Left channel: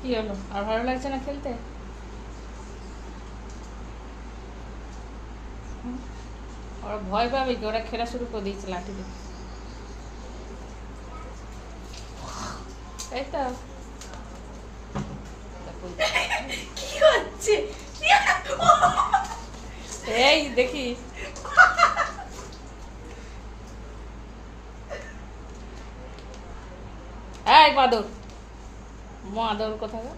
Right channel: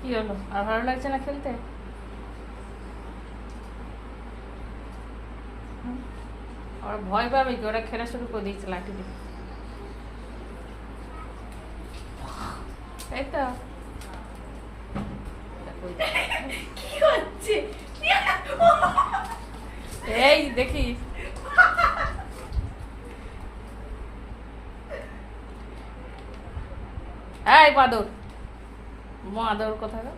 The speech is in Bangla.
কি হলো, আর ভালো লাগছে না খেলতে? ওরা ভয় পাবে কি, ওরা খেলা শুরু করে দিয়েছে লাঠি দিয়ে, তাই তো। কি হচ্ছে? এই দেখি, এই বাদর, মাদর কোথাকার।